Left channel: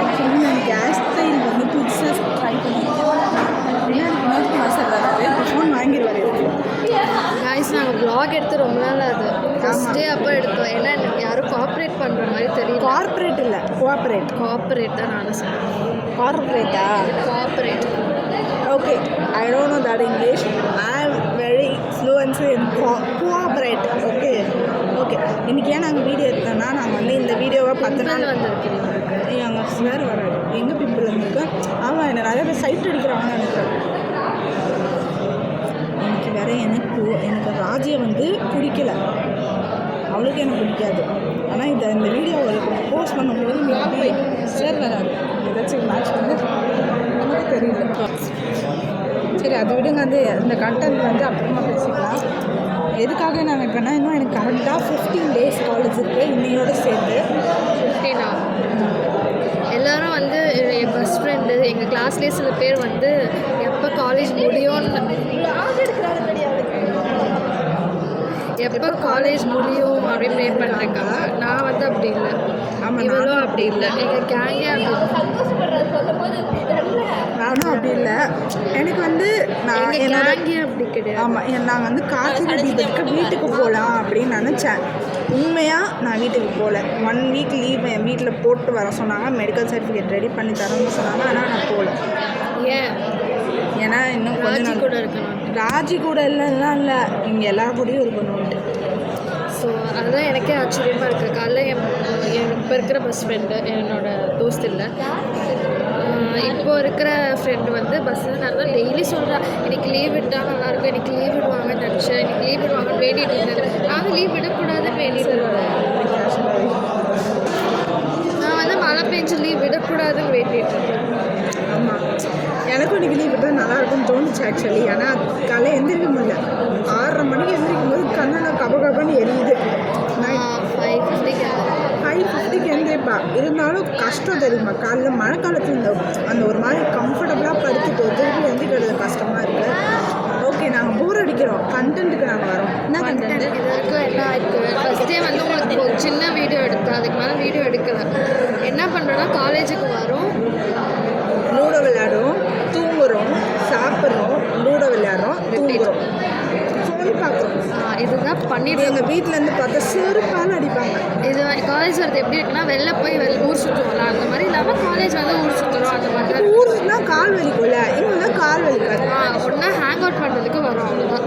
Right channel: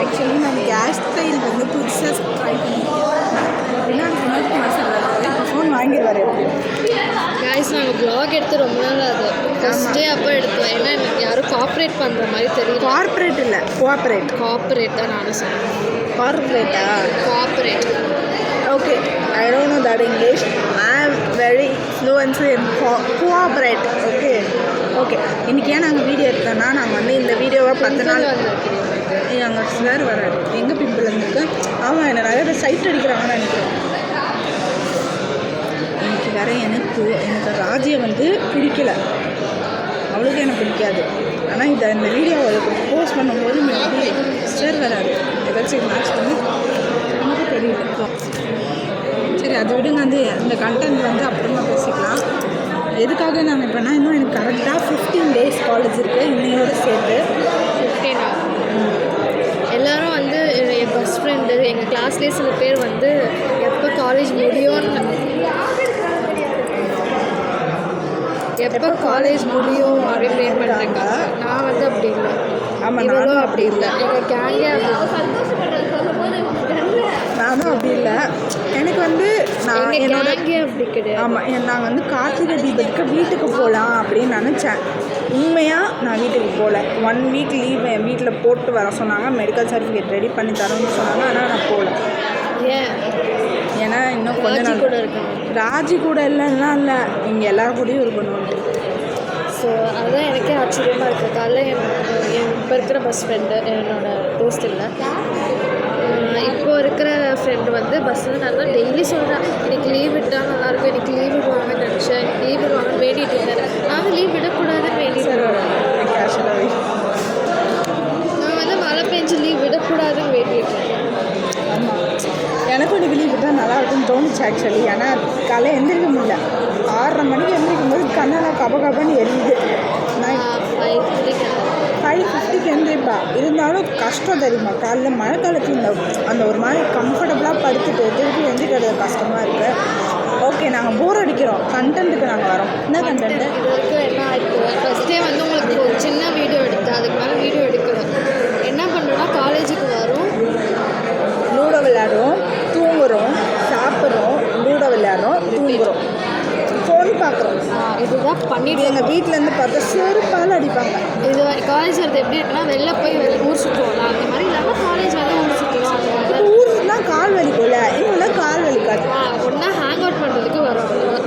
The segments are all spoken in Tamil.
ஆக்சுவலி நான் கேஸ் ஸ்டைல் வந்து புதுசாக ட்ரை பண்ணியிருக்கேன். பின்னாடி வினோத்குமார் சார் வராது, இப்போ ஃபோன் வாங்கிடுவார். காய்ஸ் நாங்கள் வ்ளாக் எடுத்து ரொம்ப நாள் ஆகுது. ஃபஸ்ட் டே அப்போ எடுத்தோம். ஏன்னா எனக்கு யாரும் கார்ப்பரேட் பண்ணுற மாதிரி தெரியல. கார்ப்பரேட் இல்லை, கார்ப்பரேட் தான் நானும் சொன்னேன். கார்ப்பரேட்டா? Corporate. Okay, I don't know that English. I am very fluency in cooperate. Okay இன்றைக்கி ஏன் நாங்கள் வீடியோ எடுத்தோன்னா, நாங்கள் வந்து இந்த வீடியோவை 10 நாள் எங்கள் சார் வராது. எங்கே பிம்பிள் இருந்துருக்கு? ஆமாம், என்ன நிறைய பேர் சைட் அடிக்கிறாங்கன்னு நினைக்கிறேன். இன்னைக்கு வேற எனக்கு ராஜியை வந்து பிடிக்கல, அவளுக்கு எனக்கு பிடிக்காது. ஆனால் இந்த வீடியோ போஸ்ட் பண்ணும்போது எனக்கு சார் வராது. ஏதாச்சும் மேட்ச் வந்து நமக்கு தெரியல. சரி, அதை விடுங்க. வந்து இந்த கண்டென்ட் வந்து அப்புறமா பேசிக்கலாம். எதுக்காக நாங்கள் இப்போனா, இன்னும் எனக்கு கரெக்டாக 15 days காலேஜ் இருக்குது. இன்னையோடு சேர்த்து 15 எல்லோரும் வந்து என் பெஸ்ட் ஃப்ரெண்டு, எங்கள் கிளாஸ்லேயே சில பேர் வந்து எப்போ காலேஜ் முடியும்னு அப்படின்னு ப்ளேன் பண்ணுறாங்க. நான் வந்து அப்படி இல்லை. ஆமாம், நானும் அப்படி இல்லை. எங்கள் கேங்கே நானும் அப்படி இல்லை. எனக்கு வந்து நான் கேங்கே அப்படி கிடையாது. ஆமாம், நான் வந்து கார்த்திகை தீபத்துக்கு வீட்டுக்கு போகலாம் அப்படின்னு நினச்சேன். உண்மையாக நான் வீட்டுக்கு போகல. 1 week லீவ் என் வீட்டில் போட்டு வர சொன்னாங்க. மெடிக்கல் சர்டிஃபிகேட் ரெடி பண்ணி தரணும்னு சொன்னாங்க. ஆனால் நான் போகல. ஏன்னா இன்னும் கொஞ்சம் நாள் கூட இருக்கணும். ராஜி கூட இல்லைன்னா இல்லை, இங்கே எல்லாரும் கூடயும் இருக்கணும்ட்டு. ஸோ அதுதான் எனக்கே ஆச்சரியமாக இருக்குது. காலைல என் இப்போ இருக்கிற பெஸ்ட் ஃப்ரெண்டு, என்னோடய தோஸ்து இல்லை, இப்போ இருக்கிற ஃப்ரெண்டு வந்து பஸ்ஸில் நல்லா டெய்லி சொல்கிறேன், எனக்கு லீவ் விட்டால் நல்லாயிருக்கும், எனக்கு லீவ் விடுவாங்கன்னு நினச்சேன், எனக்கு லீவ் விடுவாங்கன்னு வேண்டிகிட்டு இருந்தேன். நான் வந்து லீவ் விடக்கூடாதுன்னு வேண்டிட்டு இருந்தேன். நான் வந்து மழை பெஞ்சு லீவ் விடக்கூடாதுன்னு வேண்டிகிட்டு இருக்கேன். ஆமாம், எனக்கும் இன்றைக்கி லீவ் விட்டால் நல்லாயிருக்கும்னு தோணுச்சு ஆக்சுவலி. ஏன்னா காலையில் எந்திரிக்க முடியல. 6:30 மணிக்கு எந்திரிக்கும் போது கண்ணெல்லாம் கபகபன்னு எரியுது. நைட் 5:50க்கு எந்திரிப்பா. இருந்தாலும் கஷ்டம் தெரியுமா, காலைல மழை காலத்தில் அந்த ஒரு மாதிரி கம்ஃபர்டபுளாக படுத்துட்டு திருப்பி எந்திரிக்கிறது கஷ்டமாக இருக்குது. ஓகே, நாங்கள் போர் அடிக்கிறோம். கண்டென்ட்டுக்கு நாங்கள் வரோம். என்ன கண்டென்ட்டு? இதுவரைக்கும் என்ன இருக்குது, ஃபஸ்ட் டே வந்து உங்களுக்கு ஒரு சின்ன வீடியோ எடுத்தேன். அதுக்கு மேலே வீடியோ எடுக்கலை. என்ன பண்ணுறோன்னா, காலேஜுக்கு வரோம், லூடோ விளையாடுறோம், தூங்குகிறோம், சாப்பிட்றோம், லூடோ விளையாடுறோம், தூங்குகிறோம், ஃபோன் பார்க்குறோம். இதுதான் பண்ணிவிட்டு எங்கள் வீட்டிலேருந்து பார்த்தா செருப்பால் அடிப்பாங்க. இது காலேஜ் வரது எப்படி இருக்குன்னா, வெளில போய் ஊர் சுற்றுவோம்ல, அந்த மாதிரி இல்லாமல் காலேஜ் வந்து ஊர் சுற்றணும். அந்த மாதிரி தான் ஊர் சுற்றினா கால் வலிக்கும்ல, இன்னும் கால் வலிக்காது. ஒன்றா ஹேங் அவுட் பண்ணுறதுக்கு வரும், அவ்வளோதான்.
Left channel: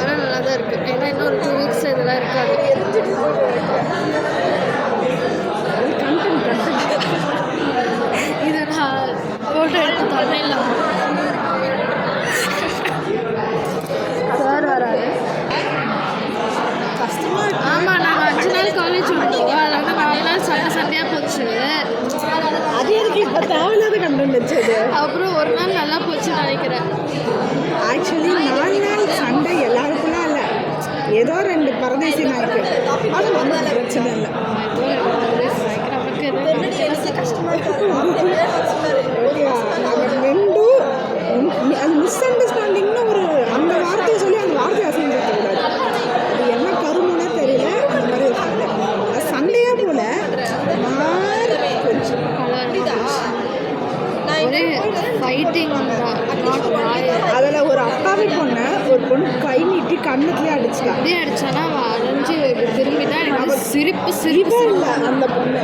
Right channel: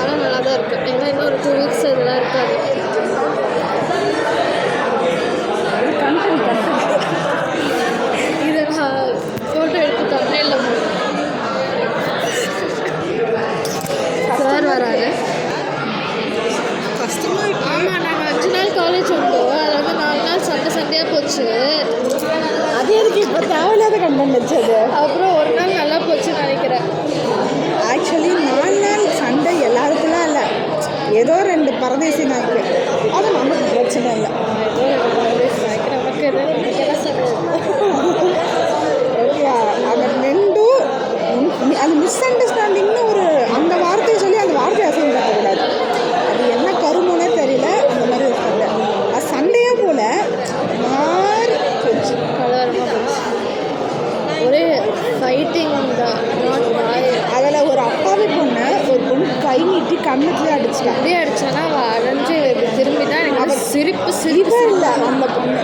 ஆனால் நல்லா தான் இருக்குது. ஏன்னா இன்னும் ஒரு 2 weeks இதெல்லாம் இருக்காது. கண்டென்ட் இதை நான் ஃபோட்டோ எடுத்து தொண்டையில் சார் வராது. கஷ்டமாக இருக்கு. ஆமாம், நாங்கள் 5 நாள் காலேஜ் வந்தோம். அதில் வந்து 4 நாள் சண்டையாக போச்சு. அது எதுக்கு இப்போ தேவையில்லாத கண்டென்ட் வச்சது? அப்புறம் ஒரு நாள் நல்லா போச்சுன்னு நினைக்கிறேன். ஆக்சுவலி 4 நாள் சண்டை எல்லாருக்குலாம் இல்லை, ஏதோ 2 பரதேசி நாய்க்கு. அது நமக்கு பிரச்சனை இல்லை. நமக்கு எதுவும் ஓகே, அந்த 2 அது மிஸ் அண்டர்ஸ்டாண்டிங்னு ஒரு அந்த வார்த்தையை சொல்லி அந்த வார்த்தையை அசிங்கப்படுத்தக்கூடாது. அது என்ன கருமோனே தெரியல. அந்த மாதிரி ஒரு சண்டை, அது சண்டையாக போல மாறி போச்சு. ஒரே ஃபைட்டிங் தான். அதில் ஒரு அப்பாவி ஒரு பொண்ணு கை நீட்டி கண்ணத்துலேயே அடிச்சிட்டா. அப்படியே அடித்தானா அவள் அரைஞ்சு திரும்பி தான் அவள் சிரிப்பு இல்லை, அந்த பொண்ணு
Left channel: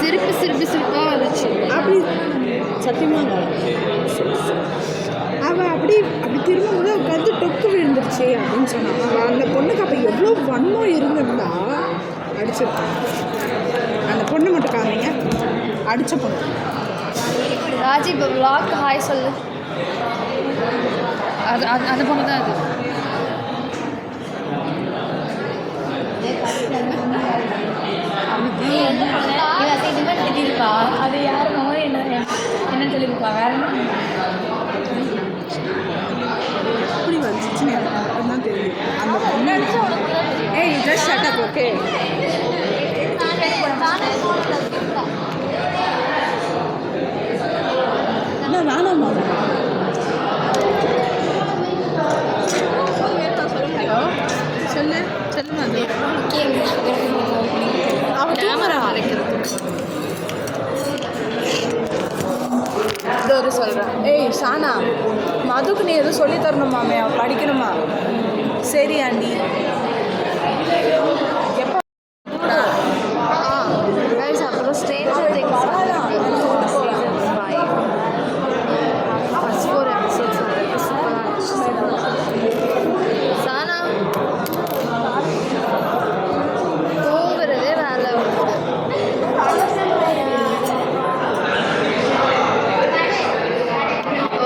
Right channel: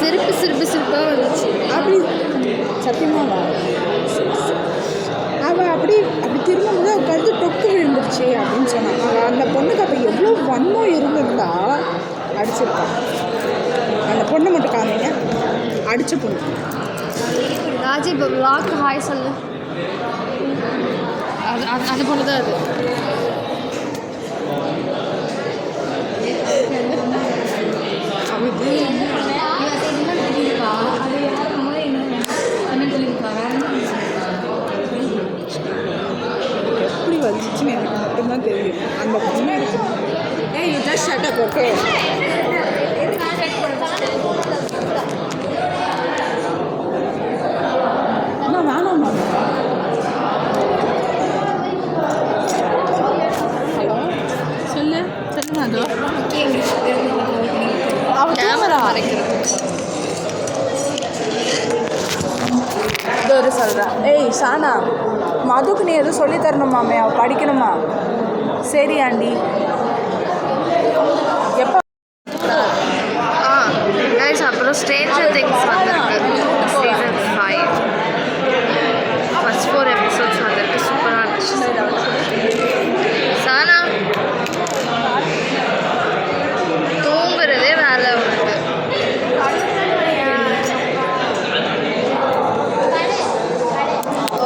சிரிப்பாக வந்துச்சு. அப்படி சத்தியமாக அவள் அப்படி திரும்பும்போது அவள் கருத்து டொக்கு விழுந்துருச்சு அப்படின்னு சொன்னான். அவள் அந்த பொண்ணுக்கு அப்போ எவ்வளோ வன்மம் இருந்திருந்தா அடிச்சிருக்கான். அந்த பொண்ணை மட்டும் காமிங்க, அடித்த பொண்ணு. ராஜி வ்ளாக் ஹாய் சொல்லு. அது பொண்ணு தான் அது. சொல்லியிருக்கா அது யாருமோ என்னன்னு சொல்லியிருக்கா. வேற எப்படி வந்துச்சுன்னு எனக்கு மட்டும்தான் தெரியும். அந்த பொண்ணு you just shut up. Okay, என்ன வேணாமா? ஹலோ, சொல்லுமா? ஒரு சொல்கிறேன். ஏய் சானா, மதுக்கு நீ எதுவும் சொல்லி தரணுமாமே, அவள் படிக்கணுமா? சரி ஆண்டி. எப்போ? கைஸ் அப்புறம் ஸ்ட்ரேஞ்சர் திங்ஸ் வந்திருக்கு சீசன் 5 ஃபர்ஸ்ட் 4 எபிசோட்ஸ் வந்திருக்கு. சூப்பராக இருந்துச்சு. சானா தூங்குறதே வேலை உனக்கு.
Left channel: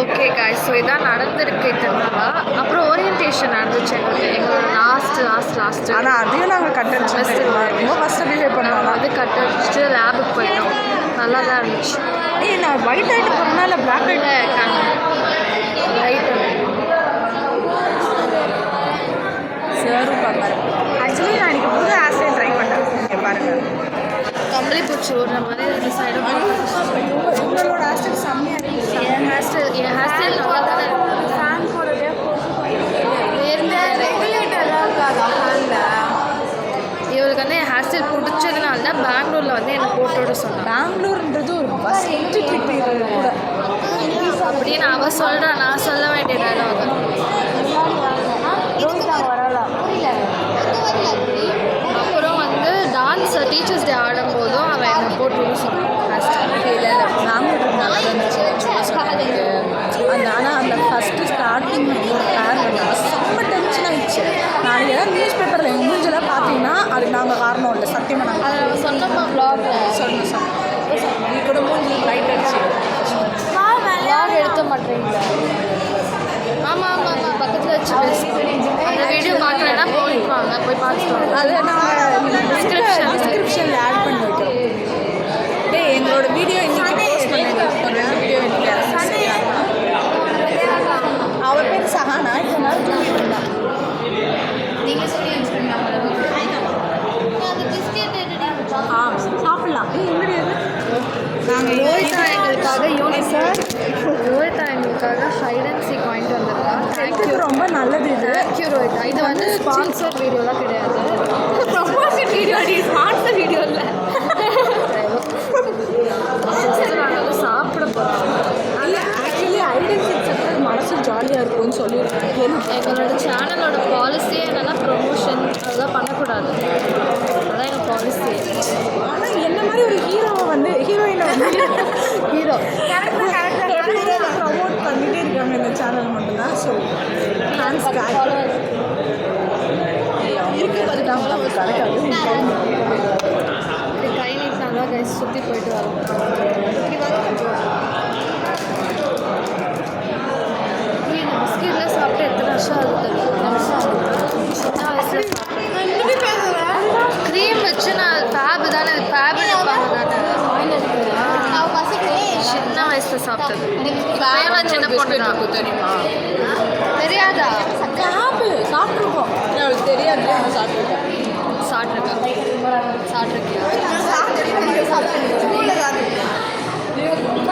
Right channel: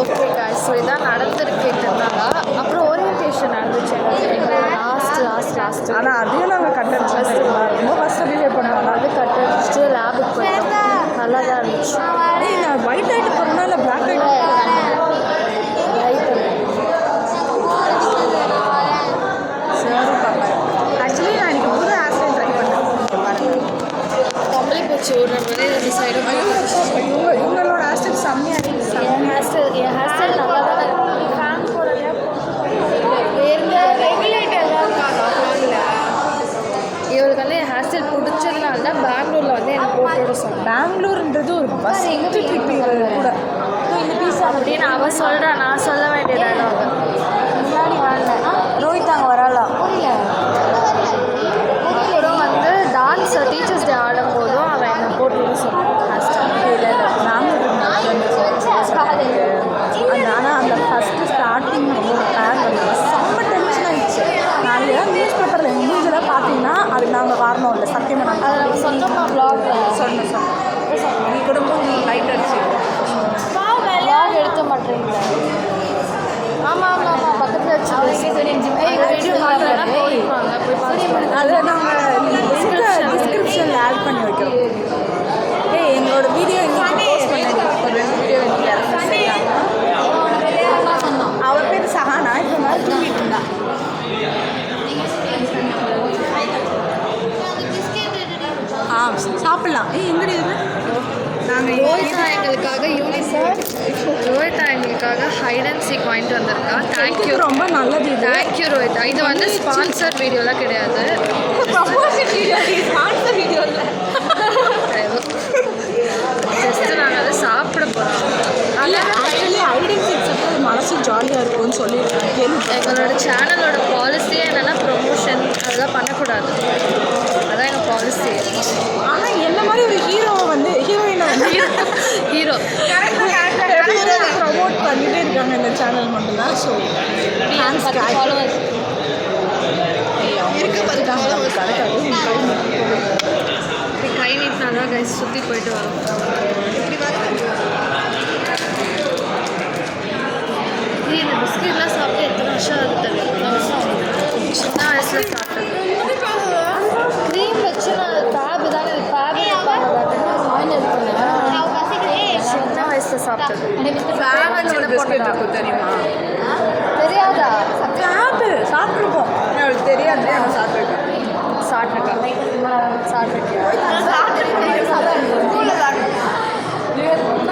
ஓகே காய்ஸ், ஸோ இதான் நடந்திருக்கு இதனால. அப்புறம் ஓரியன்டேஷன் நடந்துச்சு எங்களோட லாஸ்ட். ஆனால் அதையும் நாங்கள் கட் அடிச்சோம். ரொம்ப ஃபஸ்ட்டு பிஹேவ் பண்ணுவாங்க. அது கட் அடிச்சுட்டு லேபுக்கு போயிட்டோம். நல்லா தான் இருந்துச்சு. ஏய் நான் ஒயிட் ஆகிட்டு போகிறேன்னா இல்லை பிளாக் ஆகிட்டு ரைட்டு சாரும் பார்ப்பாரு. ஆக்சுவலி நான் இன்றைக்கி புது ஹேர் ஸ்டைல் ட்ரை பண்ணேன். இங்கே பாருங்கள், கம்பளி பூச்சி ஒரு ரெண்டு சைடு இவங்களோட ஹேர் ஸ்டைல் செம்மையாக இருக்குது. என் ஹேர் ஸ்டைல் நல்லா தானே இருக்கு. இவளுக்கு வந்து என் ஹேர் ஸ்டைல் பிடிச்சதுனால தான் பெங்களூரில் வந்து என்னை போட்டோட சொன்னான். பெங்களூர்ன்றது ஒரு ஃபஸ்ட்டு ட்ரிப் கூட அப்படின்னு அவள் சொல்கிறா. நான் சொல்ல வேண்டிய டைலாக். ரோஹித் அங்கே வரலாம். அப்புறம் வந்து டான்ஸ் டீச்சர்ஸ் டே ஆடும்போதும் அவன் என்னை போட்டுன்னு சொன்னான். இல்லை பெங்களூர் நல்லா இருந்துச்சு அந்த. ஆனால் அந்த ஃபஸ்ட்டு ஸ்டார்டிங் வந்து ஒரு பேர் வந்தாங்க, செம்ம டென்ஷன் ஆகிடுச்சு. நாளைக்கு ஏதாவது நியூஸ் பேப்பரில் எங்கள் மூஞ்செல்லாம் பார்த்தீங்கன்னா அதுக்கு நாங்கள் காரணம் இல்லை. சத்தியமாக நாங்கள் சொன்னோம்மா ப்ளாகில் சொன்னோம் நீ கூட மூஞ்சி லைட் அடிச்சு ப்ளாக் எடுக்க மாட்டேங்களா? ஆமாம் பக்கத்தில் வச்சு பேசி அந்த வீடியோ பார்க்கலன்னா போய்ப்பாங்க, போய் பார்த்துட்டு அதை நாங்கள் டிஸ்கிரிப்ஷனில் ஆட் பண்ணி வைக்கிறோம். எங்களோட வீடியோ இன்றைக்கி போஸ்ட் பண்ணி ஒரு 2 வீடியோ இன்றைக்கி இறந்து செய்யாங்க. அவள் பேர் சஹானா. இப்போ மாதிரி தூங்கிட்டு இருந்தான். சாப்பிட்லாம். எங்கடி நாங்கள் ரோஹிதா எங்களுக்காக ஹைட் அண்ட் சீக் வாங்கிட்டு வந்திருக்கா. தேங்க்யூ, ரொம்ப நல்லது. தேங்க்யூ ரோஹிதா. இது வந்து ஸ்பான்சர் வீடியோலாம் கிடையாது. ஜஸ்ட்டு நாங்கள் அதை சாப்பிட போகிறோம். இல்லை ஆக்சுவலி ஹைட் அண்ட் சீக் சாப்பிட்டு மனசு ஜாலியாக இருக்கும்னு சொல்லியிருக்காங்க. எங்களோட சேனலோட பாலிசியே என்னென்னா ப்ரொமோஷன் அதெல்லாம் பண்ணக்கூடாது. அதான் எங்கள் பாலிசி. ஆனால் என்ன மாதிரி ஒரு ஹீரோவை வந்து ஹீரோயினை வந்து ஹீரோ ப்ரமோட் பண்ணிகிட்டே இருக்காங்க இந்த சேனல் மட்டும்தான். So thanks followers. அவங்க எடுத்துட்டாங்க, நமக்கு கிடைக்காது. கை நீட்டினாதான் கைஸ் சுற்றி போயிட்டு வரோம். இந்த பிஸ்கெட்லாம் சாப்பிட்டு எத்தனை வருஷம் ஆகுது தெரியும். சின்ன வயசில் சாப்பிட்டது. க்ரீம் வச்சு நான் ஃபேபு தானே, ஃபேபு எடுப்பாங்க தானே, சின்ன வயசில் சாப்பிட்டது. இப்போயும் நான் சின்ன பொண்ணு தான். தெரியுமா? தெரியாதா? ஃபேபு சாப்பிட்ருக்கோம். அவளுக்கு தெரியாது. அவன் சாப்பிட்ருக்கேன்.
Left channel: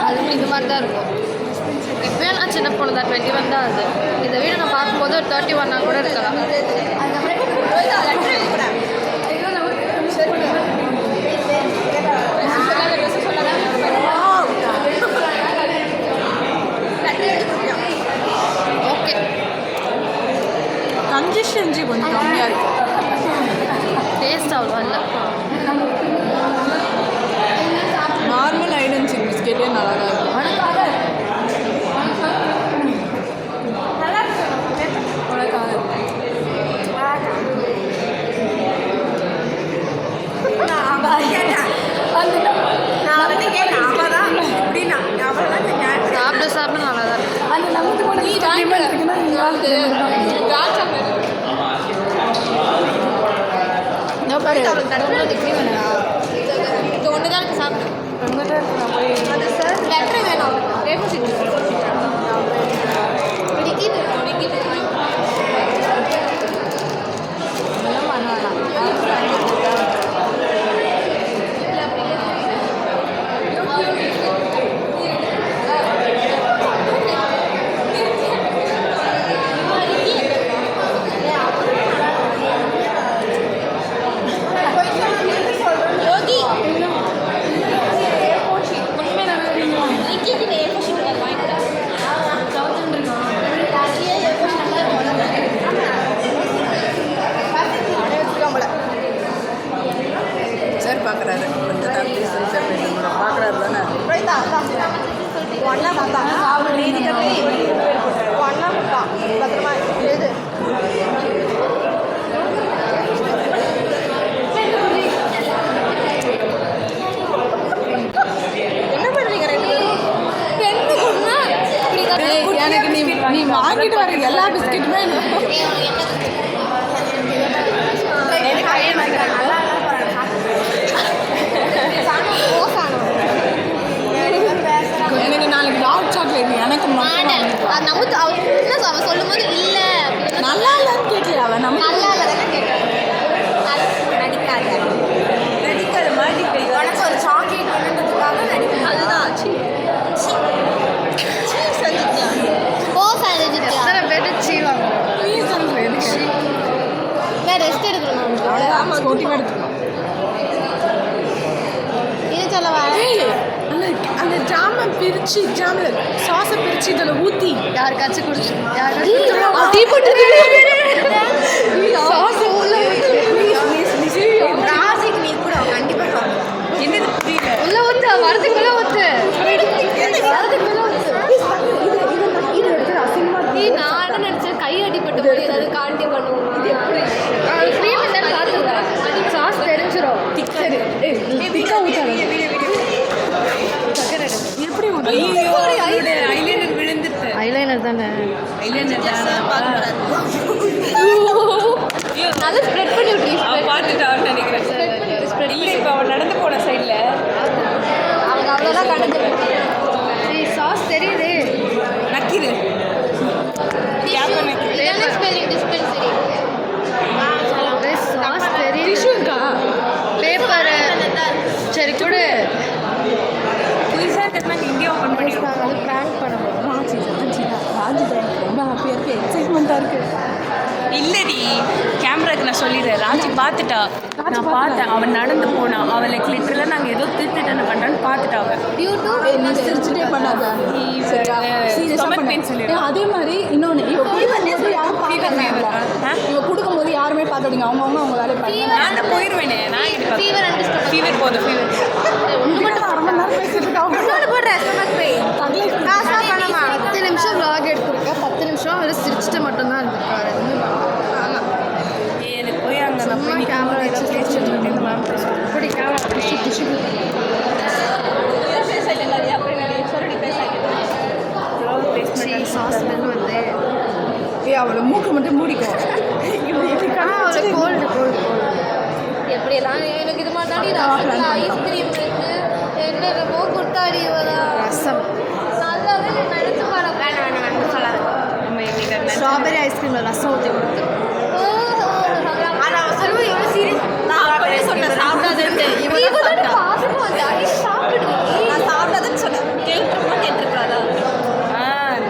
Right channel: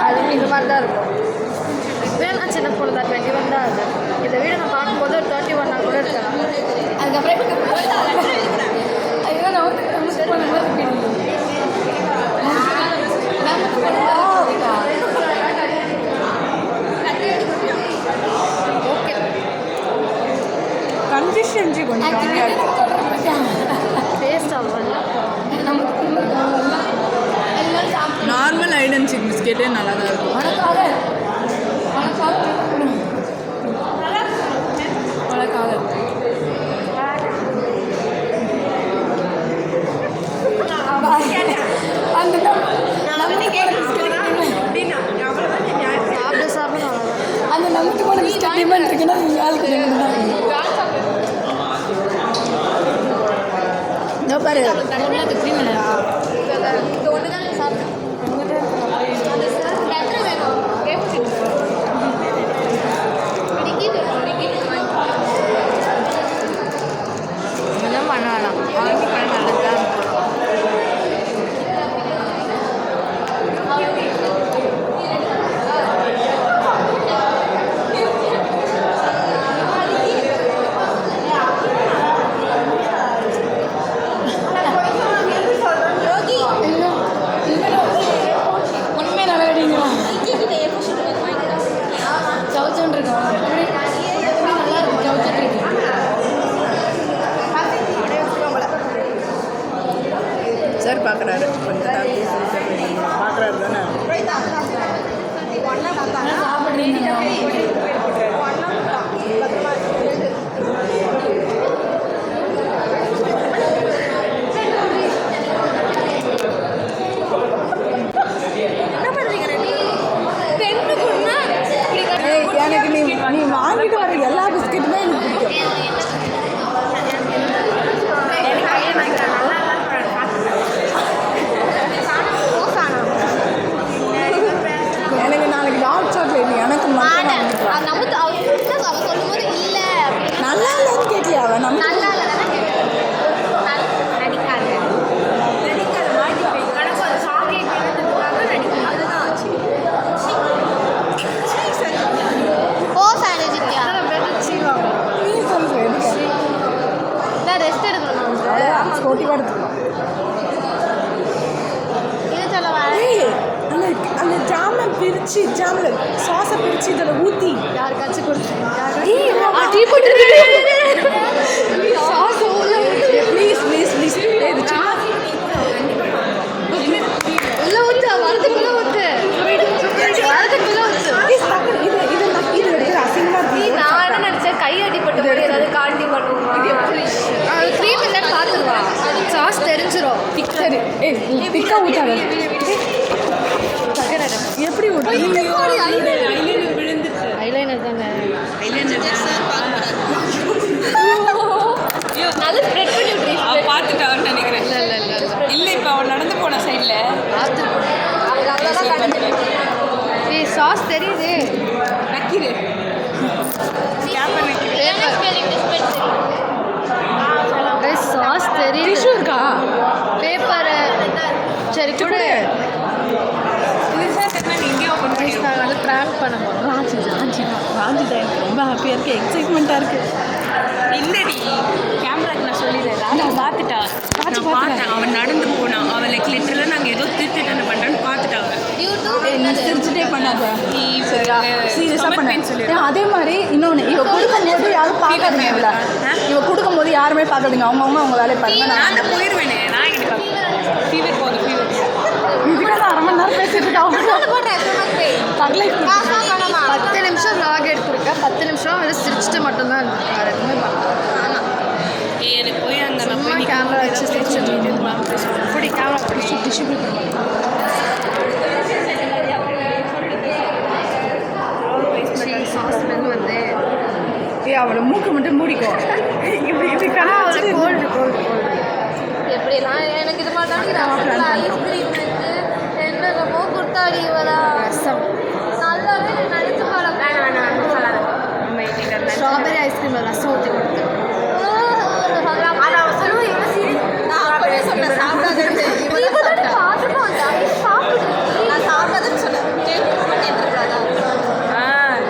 அது இது மாதிரி தான் இருக்கும். இப்போயும் நான் சின்ன பொண்ணு தான். 21 தான் அது. இந்த வீடு நான் பார்க்கும்போது ஒரு 31 கூட இருக்கலாம். ஓகே, கன்சிஸ்டன்சி கொஞ்சம் கம்மியாக இருக்கும். டேஸ்ட் அவ்வளோ இல்லை. நார்மல் ஹைட் அண்ட் சீக் பிஸ்கெட்டே நல்லா தான் இருக்கும். சாப்பிட நல்லா தான் இருக்கும். பேர் பார்க்குறாரு. கொஞ்சம் தான் பார்க்குறாரு தானே. எனக்கு நீ வாங்கிட்டு வர எல்லா பிஸ்கெட்டுமே எனக்கு பிடிக்கும். எனக்கு நாளைக்கு டார்க் சாக்லேட் எனக்கு நல்லா இல்லைன்னு கேட்கலையா அவன் நம்ம ரெஸ்ட் எடுக்கணும். அவ்வளோதான் ஸ்போர்ட்டிவாக எடுத்துக்கலாம். அந்த ஜாமை பிரித்து ஜாமில் சாஸை பிரித்து இதில் ஊற்றி யாருக்காச்சும் கொடுத்து சாஸ் உள்ள உள்ள ஊத்து வரதுக்குள்ள ஊத்து வரதுக்குள்ள ஊத்து. நான் என்ன நினைச்சேன் கை அடிப்பட்ட போது ஏதாவது காண்டி பண்ணுவோம். இது எப்படி அது க்ரீம் என்ன பார்த்துருவாங்க. சாஸ் தெரிஞ்சிடும். பிக்கா ஊற்றாது எப்படி ஊற்றி ஐலைனர் தாங்க நல்ல ஸ்ப்ரெட் பண்ணி விட்டு பார்த்துட்டான்னு நினைக்கிறேன். இல்லை இப்போ அவன் நடந்து போன சைடில் அவங்க அவ்வளோதான் கண்டு சாஸ் தெரியுது நக்கிடு சாஸ் தெரியுது பேப்பரை சரி கூட புதுசாக தெரிஞ்சு இங்கே ஓப்பன் பண்ணி நாங்கள் வந்து ப்ராங்க் பண்ண போகிறோம். ராஜி தான் எனக்கு ரொம்ப ஹாப்பியாக இருக்குது, எக்ஸைட்மெண்ட்டாக இருக்குது. இல்லடி கேமராக்கு நான் சொல்லிடுறேன். ராஜி பார்த்துட்டா. நான் பார்த்தேன் அவன் நடந்து போனான். அவளுக்கு லிட்டரலாக நாங்கள் ஏதோ திருட்டு பண்ணுறான்னு பார்த்துட்டா. சிரிச்சுட்டே பண்ணாது சீரியஸாக பண்ணேன். அதே மாதிரி இன்னொன்று இவ கொடுக்கும்போது யாரும் பார்க்காதீங்க. இவ கொடுக்கும்போது யாருமே பார்க்காதீங்க. அவங்க வேலையை பாருங்க. நான் போயிடுவேனே. நான் ஃபீவர் போதும் ஃபீவர் 10 நிமிஷம் vlog எடுத்துருக்கேன். 10 நிமிஷம் அவரை சிரிச்சுட்டு மட்டும்தான் இருந்திருக்காரு. எதுவுமே பண்ணல. எனக்கு போய் அங்கே சும்மா கேமரா வச்சு சிரிச்சுட்டு இப்படி கேமரா பிடிச்சி டிஷ்யூ சாஸ் ஸ்மெல் வந்து அவளை மூக்கு மட்டும் மூடிக்கும். அவளை கோல்டு எப்படிலாம் எனக்கு இது மாதிரி ஐஸ்கிரீம் இருக்கு என்னமோ குட்டாடி வரா ரசம் நல்லாவே நினைச்சு ஸ்ட்ராபெரி ஐஸ்கிரீமில் ரசம் ஊற்றி கொடுத்து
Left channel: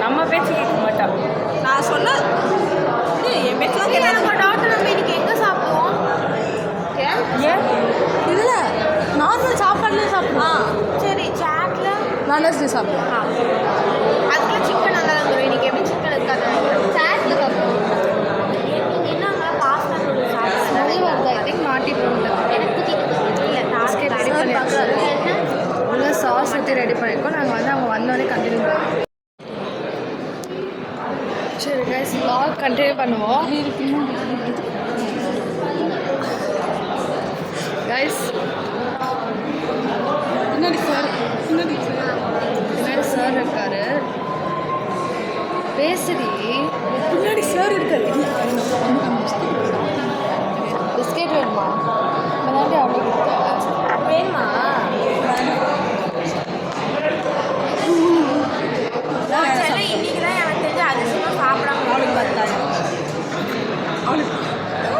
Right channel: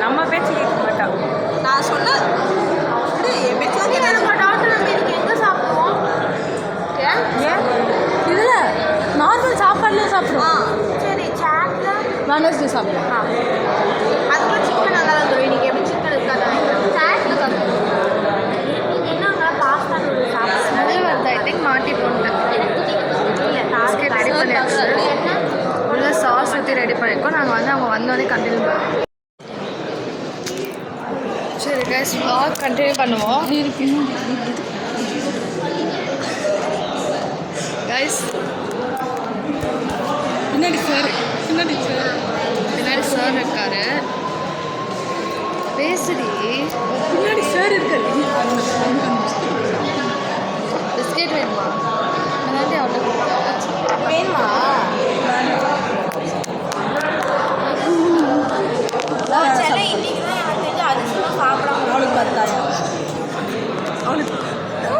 நம்ம பேச்சு கேட்க மாட்டான். நான் சொன்ன இதில் நார்மல் சாப்பாடுல சாப்பிடுவோம். சரி சாட்ல நான்வெஜ் சாப்பிடுவோம். அதுக்குள்ள சிக்கன் நல்லா வந்துடும். இன்னைக்கு எப்படி சிக்கன் இருக்காது சாட்ல சாப்பிடுவோம். நிறைய வருது. ஐ திங்க் மாட்டி போட்டேன். பிஸ்கெட் ரெடி பண்ணியாச்சு. உள்ள சாஸ் ஊற்றி ரெடி பண்ணியிருக்கோம். நாங்கள் வந்து அவங்க வந்தோடனே கண்டினியூ பண்ணுவோம். சரி கைஸ் vlog கண்டினியூ பண்ணுவோம். கைஸ் பின்னாடி சார் இருக்காரு. பேசுடி பின்னாடி சார் இருக்காரு. பிஸ்கெட் வேணுமா? விளையாண்டி அவ்வளோ வேணுமா? இன்னைக்கு தான் எனக்கு தெரிஞ்சு அது சாப்பிடாம அவளுக்கு பார்த்தாங்க. அவளுக்கு ஓ